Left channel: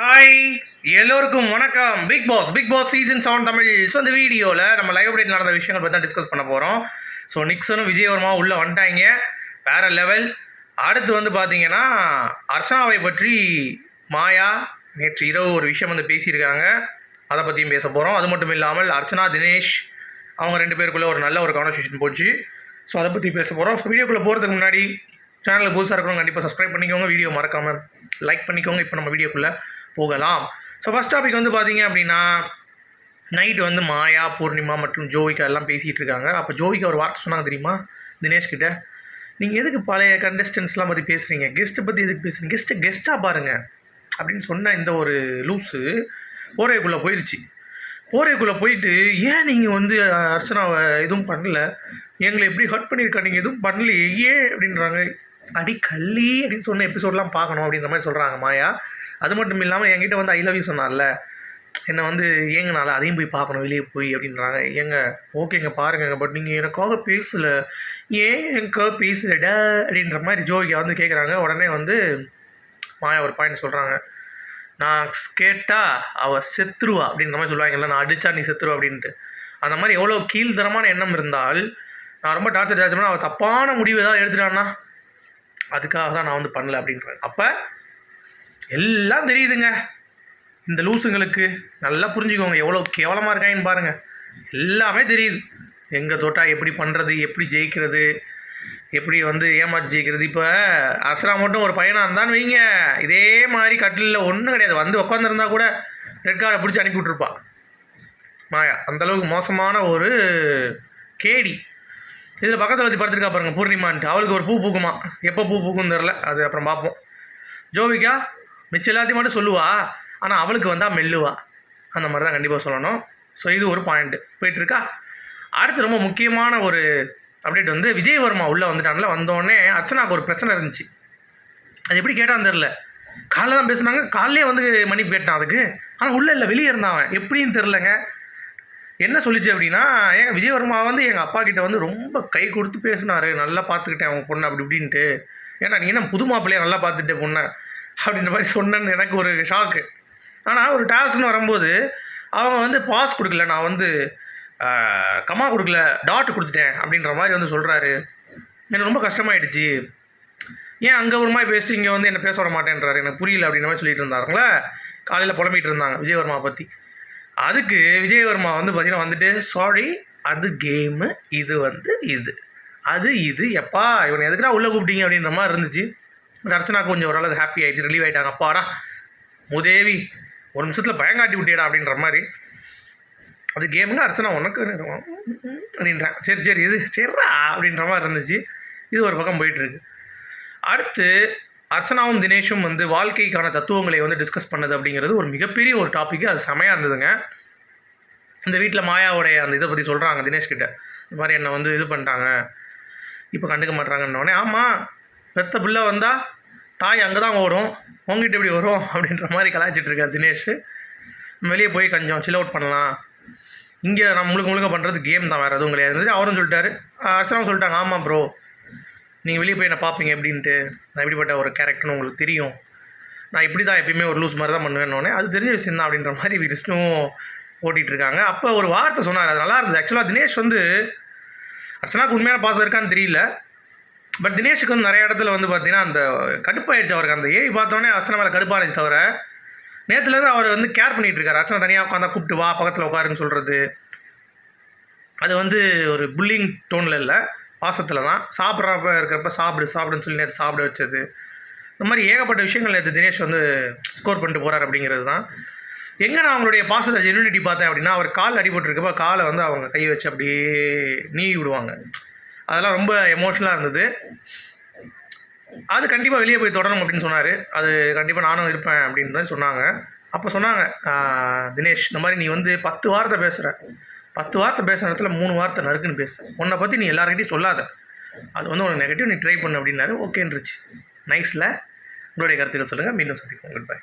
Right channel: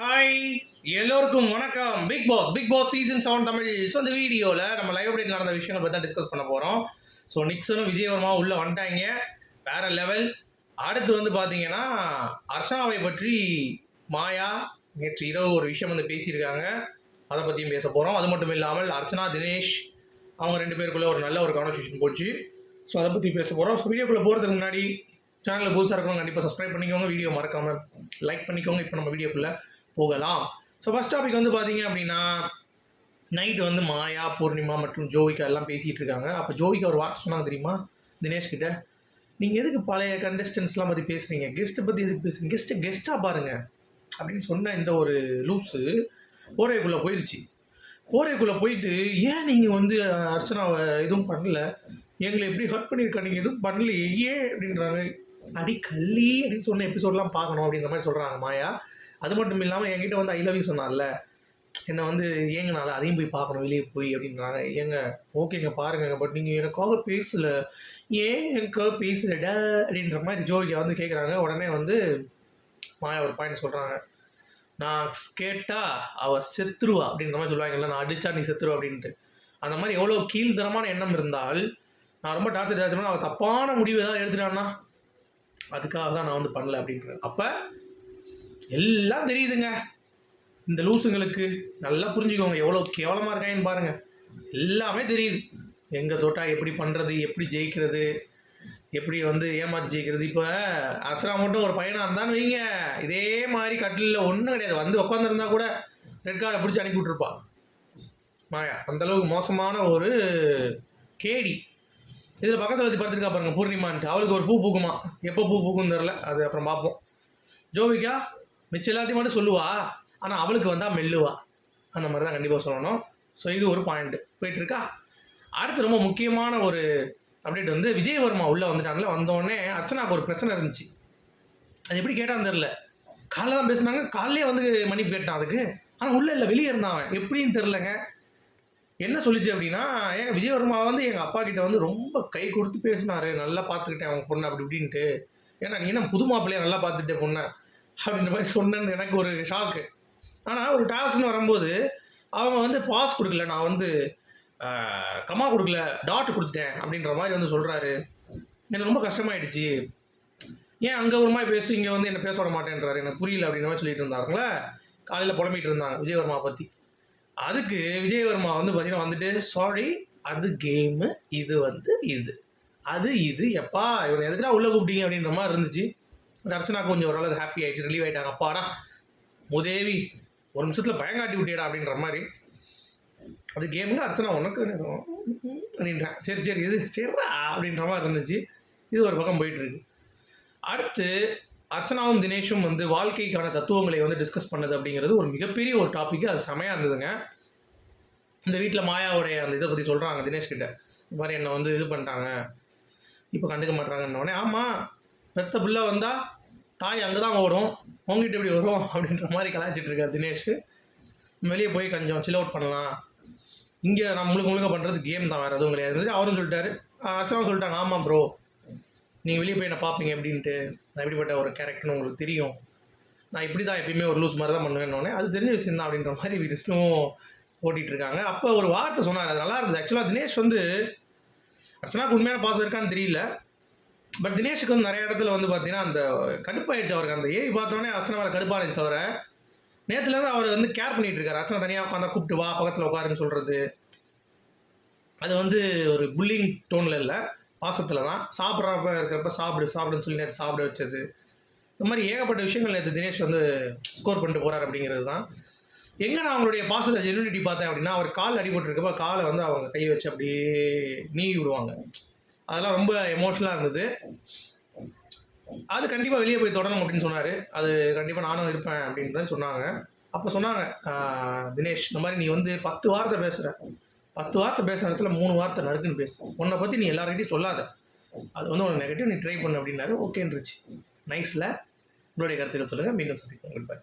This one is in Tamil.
ஹாய் எல்லோருக்கும் வணக்கம். Bigg Boss Bigg Boss season seven Tamil. So இந்த வீடியோவில் நம்ம லைவ் அப்டேட் நடந்த விஷயங்கள் பற்றி தான் டிஸ்கஸ் பண்ண போகிறோம் ஸோ நிக்ஸனும் விஜயவர்மா உள்ளே வந்துட்டாங்க. வேறு லெவல் அடுத்து வந்து பார்த்தீங்கன்னா அர்ச்சனாவை பற்றி மாயா நேற்று இரவு ஒரு விஷயம் வந்து பேசியிருக்காங்க. அதை பற்றியும் பேச போகிறோம் அது மட்டும் இல்லாமல் அர்ச்சனா தினேஷ் அவங்க ரெண்டு பேருக்குள்ளே ஒரு நல்ல ஒரு கான்வர்சேஷன் போச்சு. ஸோ அதை பற்றி பேச போகிறோம் ஸோ வீடியோக்குள்ளே போகிறதுக்கு முன்னாடி சேனலில் புதுசாக இருக்கிறவங்க கண்டிப்பாக சப்ஸ்கிரைப் பண்ணிக்கோங்க. வீடியோ மறக்காமல் லைக் பண்ணிக்கோங்க. இப்போ நம்ம வீடியோக்குள்ளே போகலாம். ஸோ ஃபஸ்ட் டாபிக் வந்து பார்த்தீங்க அப்படின்னா நைட் வந்து மாயா பூர்ணிமா மற்றும் ஜோவிகா எல்லாம் பேசிகிட்டு இருக்காங்க. அப்போ ஜோவிகா ஒரு வார்த்தை சொன்னாங்க தெரியுமா? தினேஷ் கிட்ட. நீங்கள் எதுக்கு பழைய கண்டஸ்டன்ஸ்லாம் பற்றி பேசுகிறீங்க கெஸ்ட்டை பற்றி எதுக்கு பேசுகிறீங்க கெஸ்ட்டை கெஸ்ட்டாக பாருங்கள் அப்படின்னு சொன்ன இந்த ஒரு லூஸு போரைக்குள்ளே போயிடுச்சு போரைக்குள்ளே போயிட்டு ஏன் நீங்கள் வந்து அர்ச்சனாவை எதுவும் பண்ணல? எங்களை எப்படி ஹர்ட் பண்ணியிருக்கா? நீங்கள் எதுவும் பண்ணலையே? ஏன்? அப்படின்றாங்க. அடி கள்ளி அப்படின்னு சொன்ன எபிசோடெலாம் பார்க்கணும் அப்படின்ற மாதிரி சொல்கிறாங்க மாயா. அது மட்டும் இல்லாமல் என்கிட்ட வந்து ஐ லவ் யூ சொன்னார்ல என்னை வந்து ஏங்கனால அதையும் போய் பார்க்கணும் வெளியே போய் அப்படின்றாங்க. ஏங்க ஓகேங்க பாருங்க பட் நீங்கள் எனக்காக பேசலை. ஏன் எனக்காக பேசலடா அப்படின்ற மாதிரி ஜோவிகா வந்து கேட்குறாங்க உடனே வந்து மாயா ஒரு பாயிண்ட் சொல்கிறாங்க நான் கேட்டால் அவள் செத்துருவா அப்படின்ற மாதிரி சொல்லுவாங்கல்ல. நான் அடித்தா நீ செத்துருவா அப்படின்ட்டு. அந்த மாதிரி எவ்வளோ கீழ்த்தரமான எண்ணம் இருந்தால் நான் ரொம்ப டார்ச்சர் டார்ச்சர் அவள் தப்பான முடிவு ஏதாவது எடுத்துட்டான்னா அதுக்காக தான் நான் வந்து பண்ணல அப்படின்றேன் அப்போ எல்லாம் தெரியுதுங்க. இந்த லூசுங்களுக்கு நல்லா புரிஞ்சுக்கோங்க எவ்வளோ கேவலமாக இருக்காங்கன்னு பாருங்கள் எல்லாமே தெரியுது. எங்கே தோட்டா எப்படி பண்ணுறது எப்படி ஜெயிக்கிறது எப்படி வந்து ஏமாற்றி ஜெயிக்கிறது. இப்போ அசரா மட்டும் ஒரு பையனாக இருந்தான்னு வைங்க இதே மாதிரி கட்டிலில் ஒன்றும் கிடையாது. வந்து உட்காந்துருந்தா கூட ரெட் கார்டை பிடிச்சி அனுப்பி விட்ருப்பா மாயா அந்தளவுக்கு மோசமான ஒரு கேடி. இதில் பக்கத்தில் வந்து படுத்துருக்கா பாருங்கள் பூர்ணிமான்ட்டு. அவளுக்கு ஒரு பூ பூக்குமா? எப்போ பூ பூக்குன்னு தெரில அது அப்புறம் பார்ப்போம் ஜோவிகா மிச்சம் எல்லாத்தையும் மட்டும் சொல்லுவா. ஆனால் அவளுக்கு வந்தால் மெல்லுவா. அந்த மாதிரி தான் கண்டிப்பாக சொல்லணும். ஸோ இது ஒரு பாயிண்ட்டு போயிட்டுருக்கா? அடுத்து ரொம்ப முக்கியமான ஒரு அப்டேட் வந்து விஜயவர்மா உள்ளே வந்துட்டான்ல வந்தோடனே அர்ச்சனாவுக்கு ஒரு பிரச்சனை இருந்துச்சு. அது எப்படி கேட்டான்னு தெரில காலைல தான் பேசுனாங்க. காலையிலே வந்து மன்னிப்பு கேட்டான் அதுக்கு. ஆனால் உள்ளே இல்லை வெளியே இருந்தான் அவன். எப்படின்னு தெரிலங்க என்ன சொல்லிச்சு அப்படின்னா ஏன் விஜயவர்மா வந்து எங்கள் அப்பா கிட்ட வந்து ரொம்ப கை கொடுத்து பேசினாரு. நல்லா பார்த்துக்கிட்டேன் அவங்க பொண்ணு அப்படி இப்படின்ட்டு. ஏன்னா நீ என்ன புது மாப்பிள்ளைய நல்லா பார்த்துட்டே பொண்ணை? அப்படின்ற மாதிரி சொன்னேன்னு எனக்கு ஒரு ஷாக்கு ஆனால் ஒரு டாஸ்க்னு வரும்போது அவங்க வந்து பாஸ் கொடுக்கல. நான் வந்து கம்மா கமா கொடுக்கல டாட் கொடுத்துட்டேன் அப்படின்ற மாதிரி வந்து சொல்கிறாரு எனக்கு ரொம்ப கஷ்டமாயிடுச்சு. ஏன் அங்கே ஒரு மாதிரி பேசிட்டு இங்கே வந்து என்ன பேச விட மாட்டேன்றாரு? எனக்கு புரியல அப்படின்ற மாதிரி சொல்லிட்டு இருந்தாருங்களே? காலையில் புலம்பிகிட்டு இருந்தாங்க விஜயவர்மா பற்றி அதுக்கு விஜயவர்மா வந்து பார்த்தீங்கன்னா வந்துட்டு சாரி அது கேமு இது வந்து இது. அது இது எப்பா இவனை எதுக்குடா உள்ளே கூப்பிட்டீங்க? அப்படின்ற மாதிரி இருந்துச்சு. அர்ச்சனா கொஞ்சம் ஓரளவுக்கு ஹாப்பி ஆகிடுச்சு ரிலீவ் ஆகிட்டாங்க அப்பாடா முதேவி ஒரு நிமிஷத்தில் பயங்காட்டி விட்டியடா அப்படின்ற மாதிரி. அது கேமுங்க அர்ச்சனா உனக்கு அப்படின்றான். சரி சரி இது சரிடா அப்படின்ற மாதிரி இருந்துச்சு. இது ஒரு பக்கம் போயிட்டுருக்கு. அடுத்து அர்ச்சனாவும் தினேஷும் வந்து வாழ்க்கைக்கான தத்துவங்களை வந்து டிஸ்கஸ் பண்ணது அப்படிங்கிறது ஒரு மிகப்பெரிய ஒரு டாபிக் அது செமையாக இருந்ததுங்க. இந்த வீட்டில் மாயாவுடைய அந்த இதை பற்றி சொல்கிறாங்க தினேஷ்கிட்ட. இந்த மாதிரி என்னை வந்து இது பண்ணிட்டாங்க. இப்போ கண்டுக்க மாட்டாங்கன்னொடனே ஆமாம் பெத்த பிள்ளை வந்தால் தாய் அங்கே தான் வரும் உங்ககிட்ட எப்படி வரும்? அப்படின்ற மாதிரி கலாய்ச்சிட்ருக்கார் தினேஷ். வெளியே போய் கொஞ்சம் சில் அவுட் பண்ணலாம். இங்கே நம்ம முழுக்க முழுக்க பண்ணுறது கேம் தான் வேறு எதுவும் கிடையாது. அவரும் சொல்லிட்டாரு. அர்ச்சனாவும் சொல்லிட்டாங்க ஆமாம் ப்ரோ நீங்கள் வெளியே போய் என்ன பார்ப்பீங்க எப்படின்ட்டு நான் எப்படிப்பட்ட ஒரு கேரக்டர்னு உங்களுக்கு தெரியும். நான் இப்படி தான் எப்பயுமே ஒரு லூஸ் மாதிரி தான் பண்ணுவேன்னொடனே அது தெரிஞ்ச விஷயம் தான் அப்படின்ற மாதிரி விஷ்ணுவும் ஓட்டிகிட்டு இருக்காங்க. அப்போ ஒரு வார்த்தை சொன்னார். அது நல்லா இருந்தது. ஆக்சுவலாக தினேஷ் வந்து அர்ச்சனாக்கு உண்மையான பாசம் இருக்கான்னு தெரியல. பட் தினேஷுக்கு வந்து நிறைய இடத்துல வந்து பார்த்தீங்கன்னா அந்த கடுப்பாயிடுச்சு அவருக்கு. அந்த ஏஐ பார்த்தோன்னே அர்ச்சனா மேலே கடுப்பானது தவிர நேற்றுலேருந்து அவர் வந்து கேர் பண்ணிகிட்டு இருக்காரு. அர்ச்சனா தனியாக உட்காந்தா கூப்பிட்டு வா பக்கத்தில் உட்காருன்னு சொல்கிறது அது வந்து ஒரு புல்லிங் டோனில் இல்லை. பாசத்தில் தான். சாப்பிட்றப்ப இருக்கிறப்ப சாப்பிடு சாப்பிடுன்னு சொல்லி நேற்று சாப்பிட வச்சது. இந்த மாதிரி ஏகப்பட்ட விஷயங்கள் நேற்று தினேஷ் வந்து ஸ்கோர் பண்ணிட்டு போகிறார் அப்படிங்கிறது தான். எங்கே நான் அவங்களுடைய பாசத்தை ஜென்யூனிட்டி பார்த்தேன் அப்படின்னா அவர் கால் அடிபட்டுருக்கப்ப காலை வந்து அவங்க கை வச்சு அப்படியே நீவி விடுவாங்க. அதெல்லாம் ரொம்ப எமோஷ்னலாக இருந்தது. அது கண்டிப்பாக வெளியே போய் தொடரும் அப்படின்னு சொன்னார். அது கண்டிப்பாக நானும் இருப்பேன் அப்படின்னு சொன்னாங்க. அப்போ சொன்னாங்க தினேஷ் இந்த மாதிரி நீ வந்து பத்து வார்த்தை பேசுகிற பத்து வார்த்தை பேசுகிற இடத்துல மூணு வார்த்தை நறுக்குன்னு பேசு. உன்னை பற்றி நீ எல்லாருக்கிட்டையும் சொல்லாத. அது வந்து உனக்கு நெகட்டிவ் நீ ட்ரை பண்ணு அப்படின்னாரு. ஓகேன்றுச்சு. நைஸில் உங்களுடைய கருத்துக்கள் சொல்லுங்கள் மீண்டும் சந்திப்போம். Good bye